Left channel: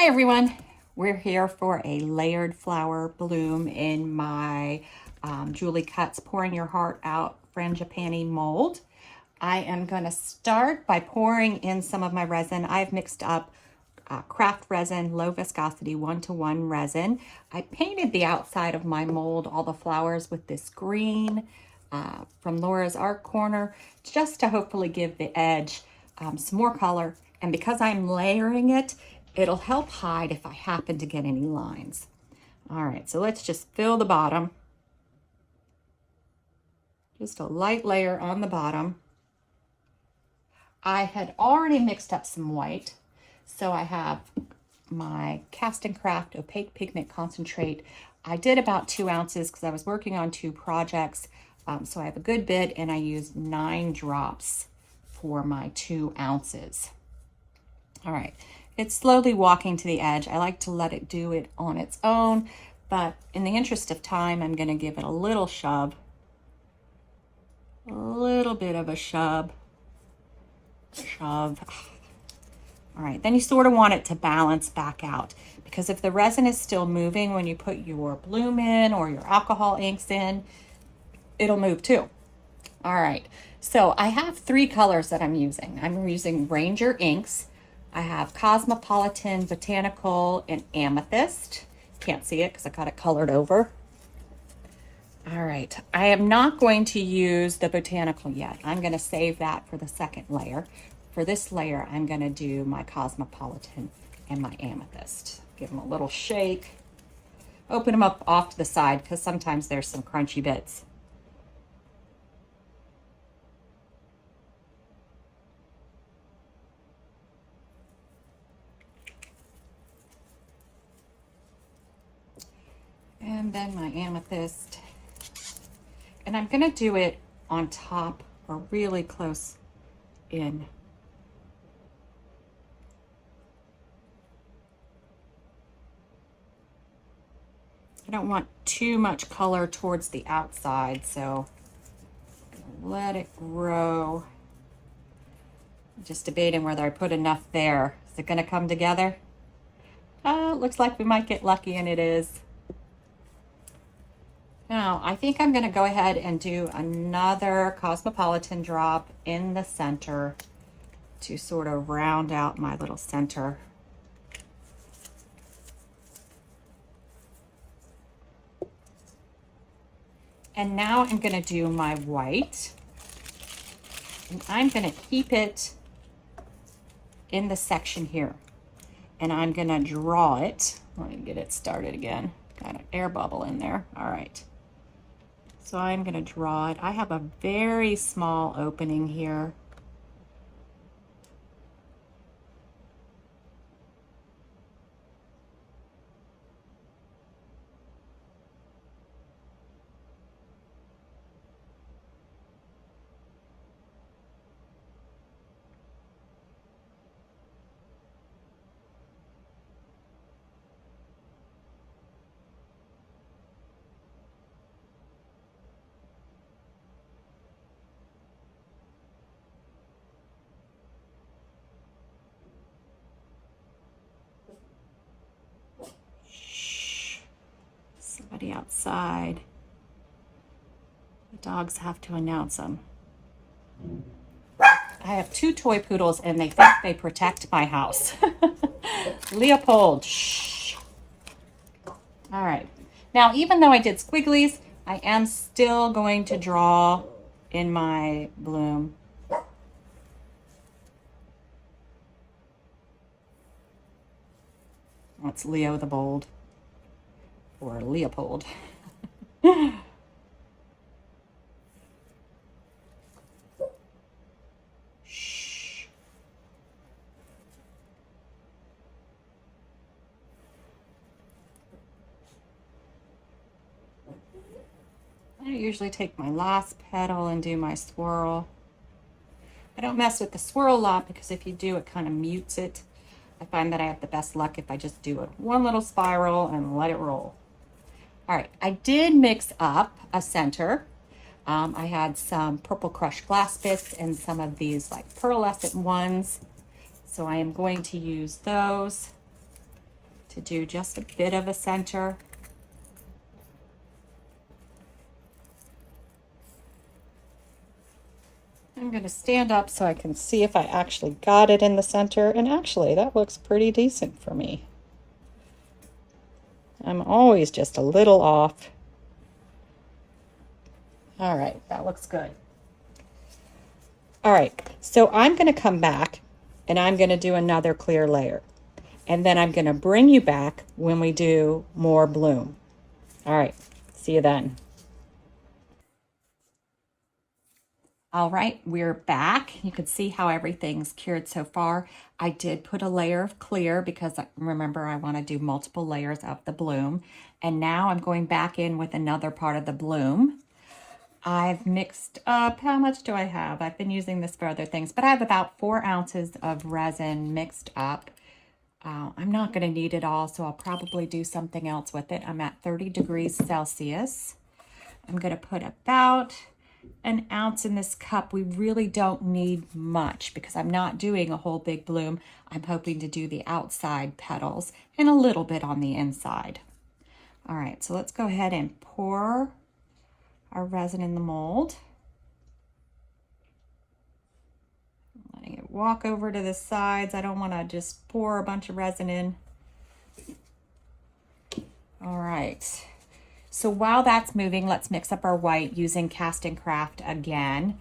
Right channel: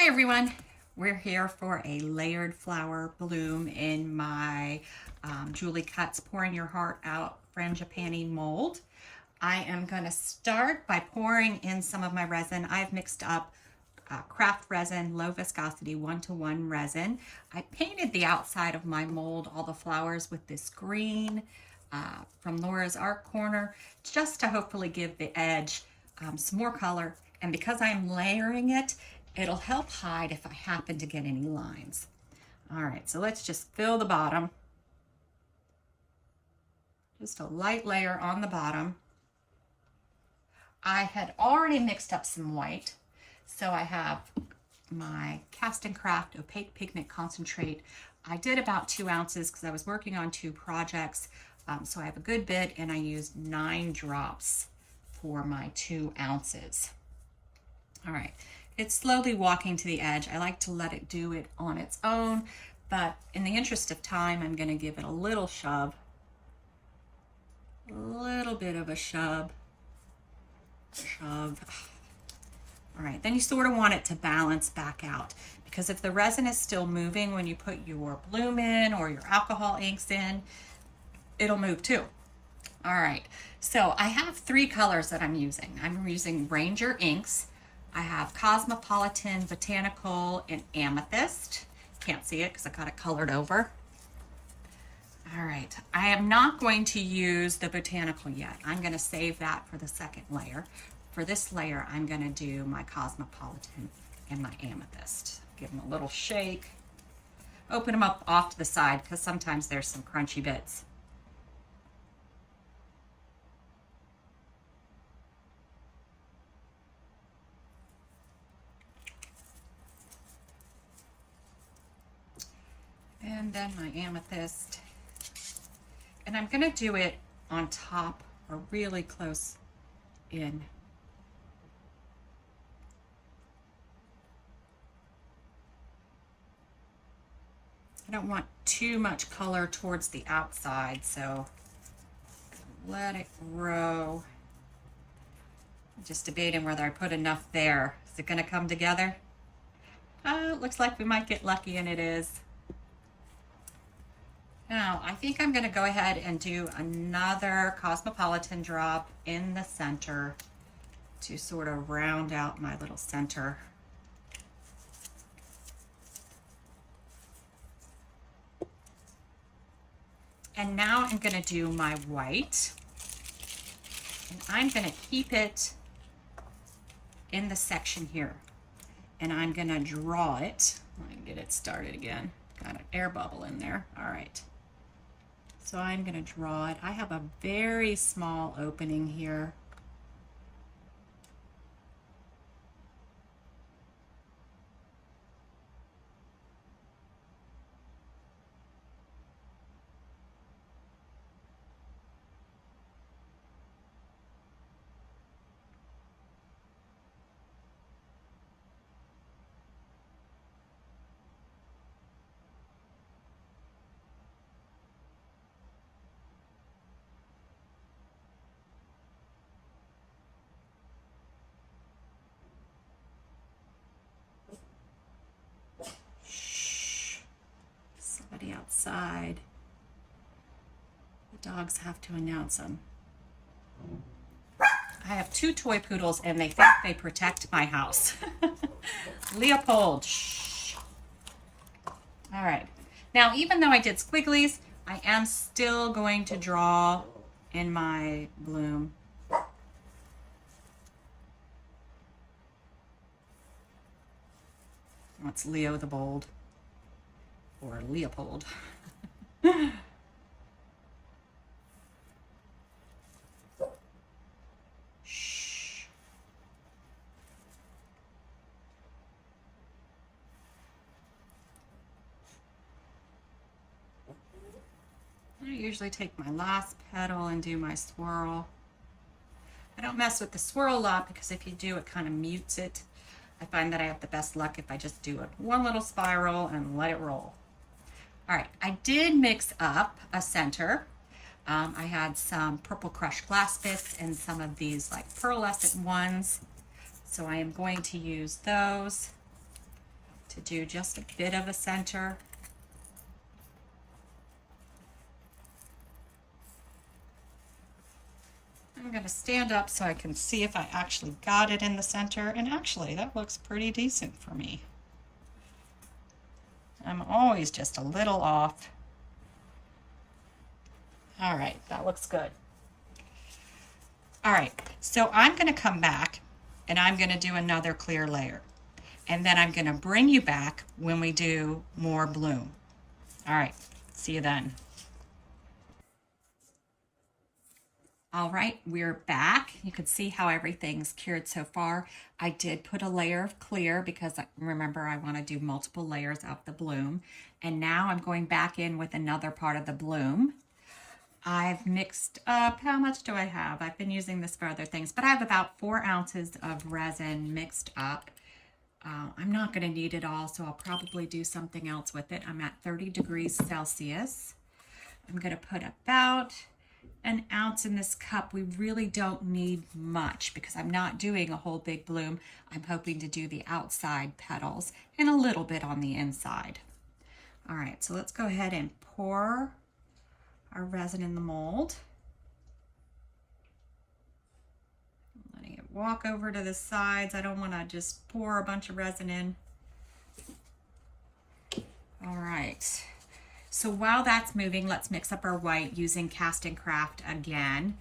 Hi everyone, we're here for a layered flower bloom in my Julie Cuts Pouring Your Heart Out Frangipani mold. I am going to start by pouring in some of my resin. I've mixed up Craft Resin, low viscosity 1-to-1 resin. I painted the outside of my mold, all the flowers, with this green from Laura's Art Corner, just to hopefully give the edge some more color. And because I'm layering it, it'll help hide if I happen to get any lines. All right, so let's just fill the bottom. Just a light layer on the bottom. I had already mixed up some white, so I have my CastinCraft Opaque Pigment Concentrate. I did about 2 ounces because I was working on 2 projects, so I have a good bit, and I used 9 drops for my 2 ounces. All right, it's slowly walking to the edge. I like to let it do it on its own, but in the interest of time, I'm going to give it a little shove, a little bit of a shove. All right, then you sort of want it to balance back out, because if the resin is still moving when you put your bloom in or your alcohol inks in, it'll move too. All right, so I have 3 colors that I'm using. I'm using Ranger inks. I have Cosmopolitan, Botanical, and Amethyst. Can't see it because I got it colored over. All right, I am not going to use the Botanical yet. I'm going to save that for the second layer. For this layer, I'm going to do my Cosmopolitan and my Amethyst. Give them a little shake. Open them up off to the side because sometimes there's some crunchy bits. And then my Amethyst. And I'm going to do it on top or really close in. I don't want too much color towards the outside, so let it grow. I'm just debating whether I put enough there. Is it going to come together? Looks like we might get lucky, and it is. Now, I think I'm going to go ahead and do another Cosmopolitan drop in the center to sort of round out my little center. And now I'm going to do my white. And I'm going to keep it in the section here. And I'm going to draw it. Let me get it started again. Got an air bubble in there. All right. So I'm going to draw it. I have a very small opening here. Somebody outside. The dogs have to announce them. I have 2 toy poodles and they think they protect my house. Leopold, shh. All right. Now, even though I did squigglies, I am still going to draw in my bloom. That's Leo the Bold, or Leopold. Shh. I usually take my last petal and do my swirl. I don't mess with the swirl a lot because if you do, it kind of mutes it. I find that I have the best luck if I just do it one little spiral and let it roll. All right, I did mix up a center. I had some purple crushed glass bits and some of these like pearlescent ones. So I am going to use those. to do just a bit of a center. I'm going to stand up so I can see if I actually got it in the center, and actually that looks pretty decent for me. I'm always just a little off. All right, that looks good. All right, so I'm going to come back and I'm going to do another clear layer. And then I'm going to bring you back when we do more bloom. All right, see you then. All right, we're back. You can see how everything's cured so far. I did put a layer of clear because remember I want to do multiple layers of the bloom. And now I'm going back in with another part of the bloom. I've mixed up, how much do I have? I've been using this for other things, but I have about 4 ounces of resin mixed up. I'm not going to need it all, so I'll probably do something else with it. I'm at 30 degrees Celsius. I'm going to put about an ounce in this cup. We really don't need much because I'm not doing a whole big bloom. I'm hoping to do the outside petals and a little bit on the inside. All right, so let's go ahead and pour our resin in the mold. Letting it walk over to the sides. I don't want to just pour a bunch of resin in. All right. So while that's moving, let's mix up our white using CastinCraft again.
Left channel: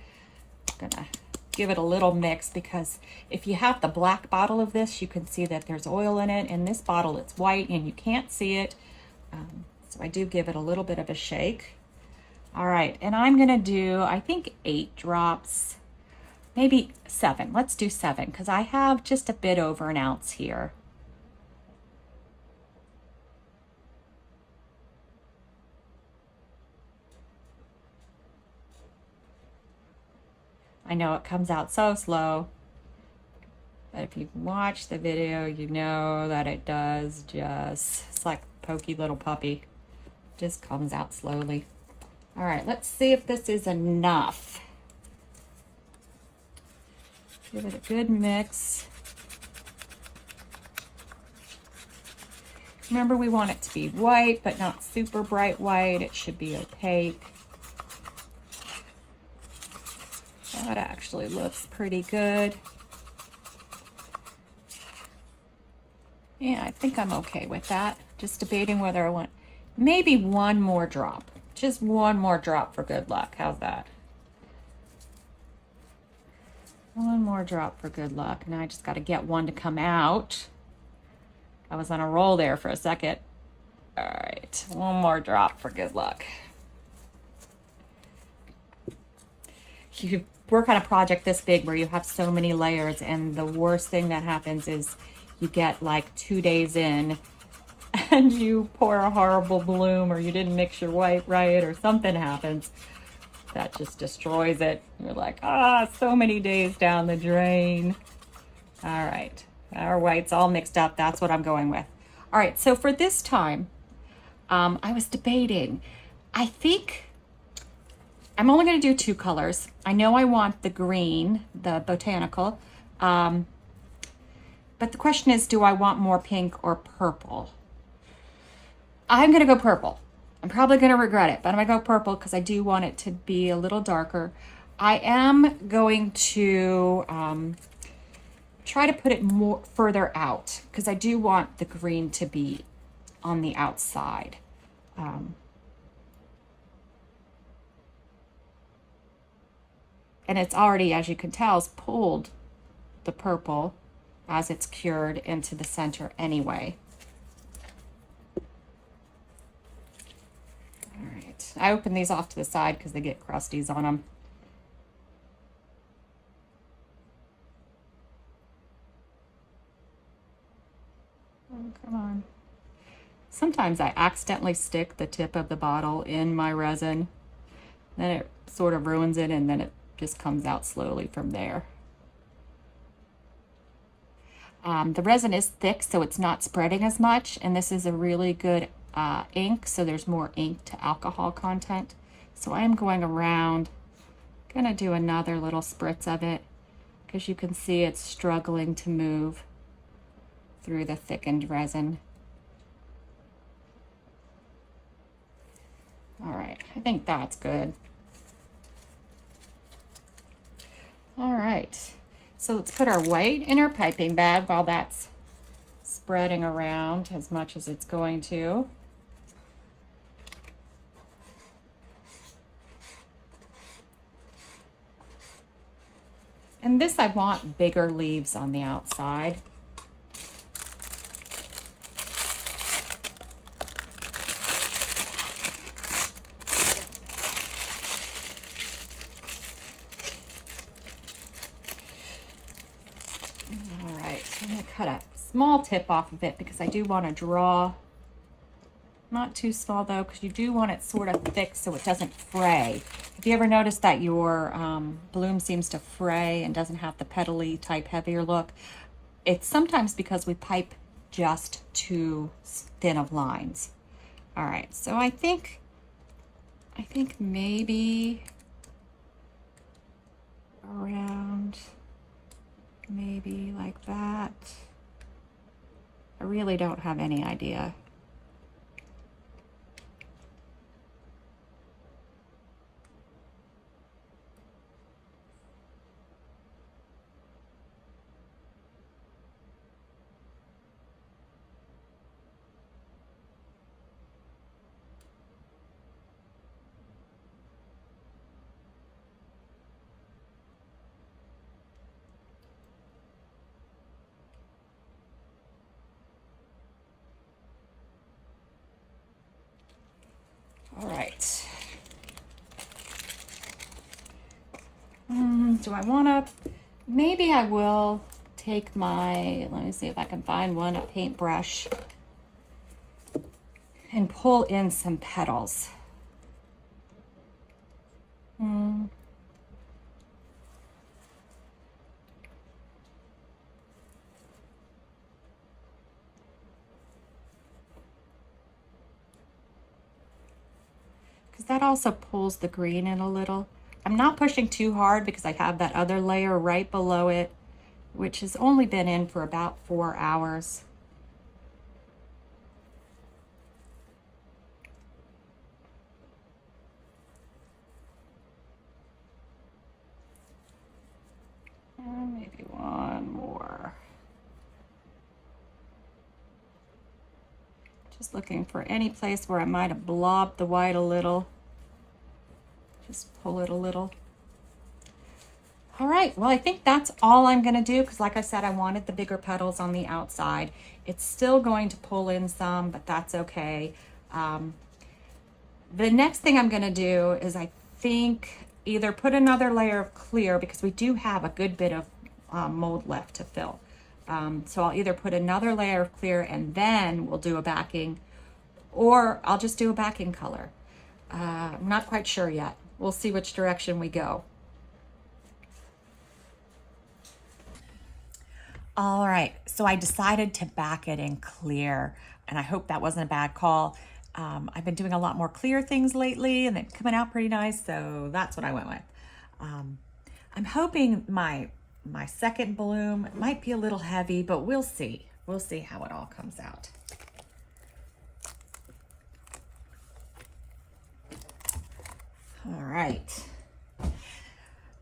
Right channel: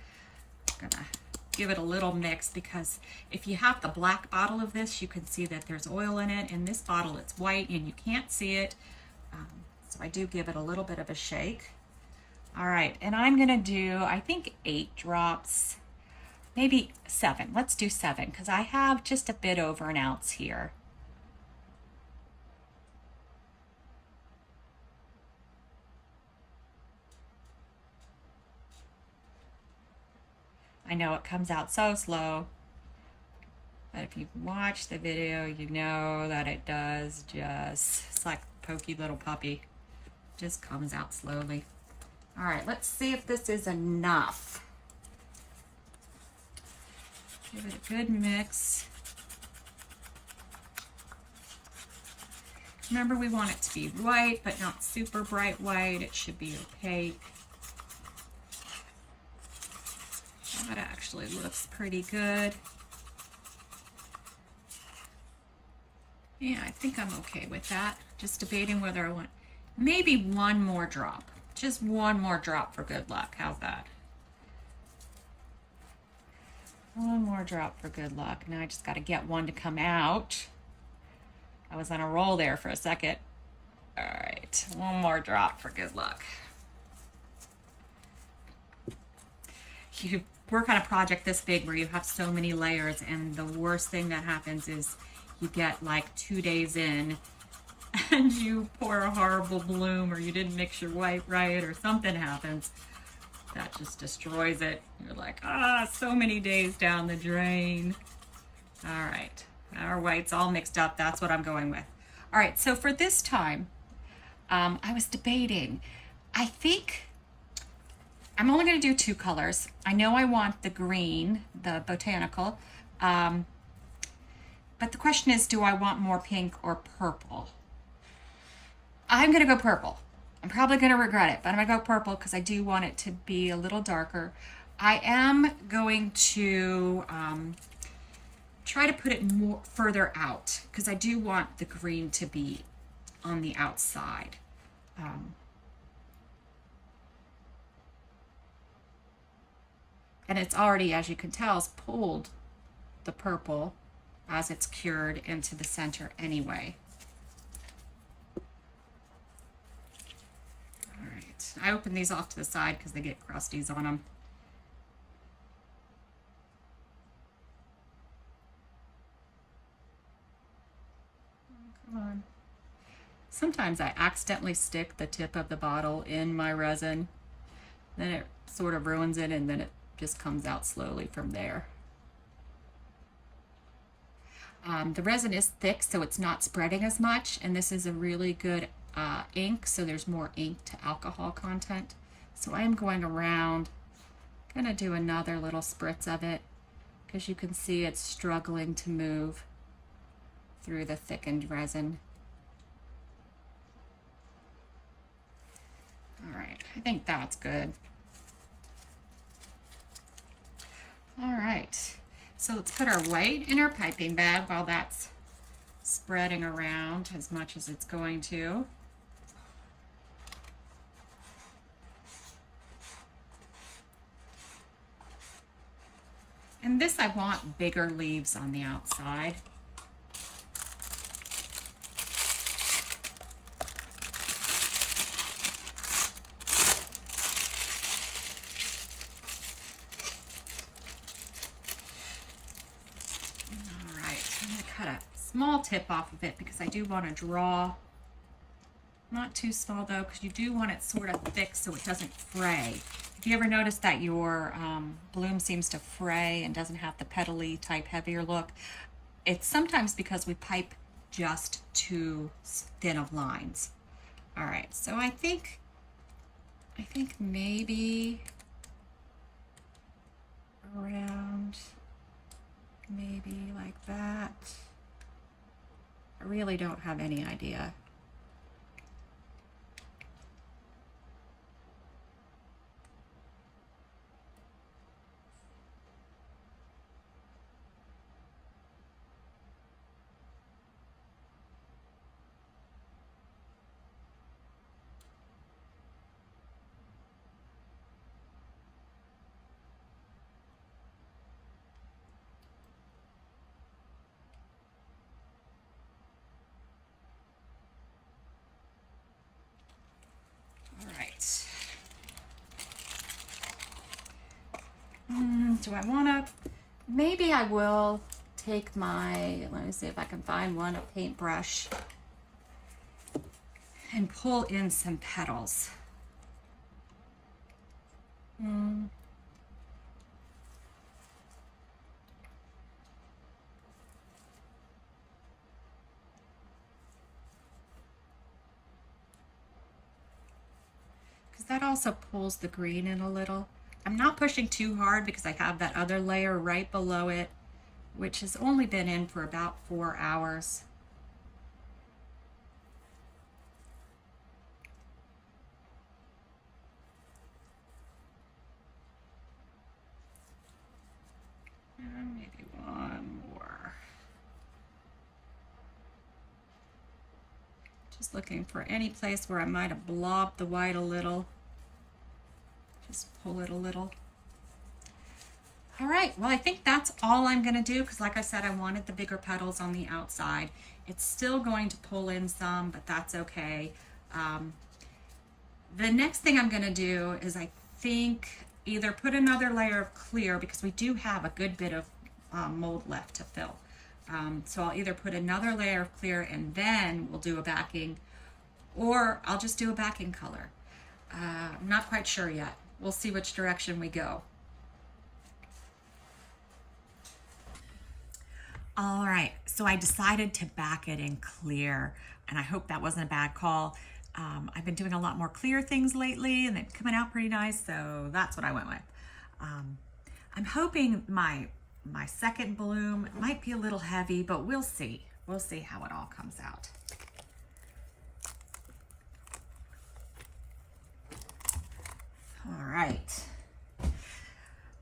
I'm gonna give it a little mix because if you have the black bottle of this, you can see that there's oil in it. In this bottle, it's white and you can't see it. So I do give it a little bit of a shake. All right, and I'm gonna do, I think 8 drops, maybe 7. Let's do 7 because I have just a bit over an ounce here. I know it comes out so slow, but if you've watched the video, you know that it does just, it's like a pokey little puppy, just comes out slowly. All right, let's see if this is enough. Give it a good mix. Remember, we want it to be white, but not super bright white. It should be opaque. That actually looks pretty good. Yeah, I think I'm okay with that. Just debating whether I want maybe one more drop. Just one more drop for good luck. How's that? One more drop for good luck. Now I just got to get one to come out. I was on a roll there for a second. All right, one more drop for good luck. You work on a project this big where you have so many layers, and the worst thing that happens is you get like 2 days in and you pour a horrible bloom, or you didn't mix your white right, or something happens that just destroys it. You're like, so many days down the drain. All right, our white's all mixed up. That's what I'm going with. All right, so for this time, I was debating. I think I'm only going to do 2 colors. I know I want the green, the botanical, but the question is, do I want more pink or purple? I'm going to go purple. I'm probably going to regret it, but I'm going to go purple because I do want it to be a little darker. I am going to try to put it more further out because I do want the green to be on the outside. And it's already, as you can tell, has pulled the purple as it's cured into the center anyway. All right, I open these off to the side because they get crusties on them. Oh, come on. Sometimes I accidentally stick the tip of the bottle in my resin. Then it sort of ruins it, and then it just comes out slowly from there. The resin is thick, so it's not spreading as much, and this is a really good ink, so there's more ink to alcohol content. So I'm going around, gonna do another little spritz of it because you can see it's struggling to move through the thickened resin. All right, I think that's good. All right, so let's put our white in our piping bag while that's spreading around as much as it's going to. And this, I want bigger leaves on the outside. All right, I'm gonna cut a small tip off of it because I do want to draw. Not too small though, because you do want it sort of thick so it doesn't fray. Have you ever noticed that your bloom seems to fray and doesn't have the petally type heavier look? It's sometimes because we pipe just too thin of lines. All right, so I think maybe around, maybe like that. I really don't have any idea. All right. Do I want to, maybe I will take my, let me see if I can find one, a paintbrush, and pull in some petals. Because that also pulls the green in a little. I'm not pushing too hard because I have that other layer right below it, which has only been in for about 4 hours. Maybe one more. Just looking for any place where I might have blobbed the white a little. Just pull it a little. All right, well, I think that's all I'm gonna do because like I said, I wanted the bigger petals on the outside. It's still going to pull in some, but that's okay. The next thing I'm gonna do is I think either put another layer of clear because we do have a good bit of mold left to fill. So I'll either put another layer of clear and then we'll do a backing, or I'll just do a backing color. I'm not quite sure yet. We'll see which direction we go. All right, so I decided to back it in clear, and I hope that wasn't a bad call. I've been doing a lot more clear things lately, and they're coming out pretty nice, so that's what I went with. I'm hoping my second bloom might be a little heavy, but we'll see. We'll see how it all comes out. All right,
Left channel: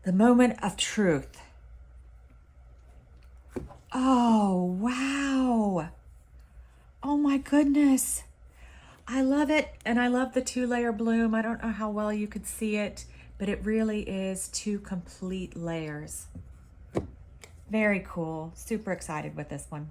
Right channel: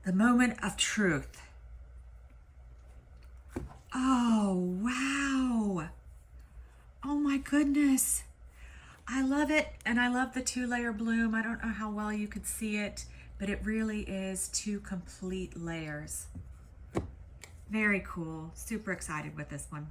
the moment of truth. Oh, wow. Oh my goodness. I love it, and I love the 2-layer bloom. I don't know how well you could see it, but it really is 2 complete layers. Very cool. Super excited with this one.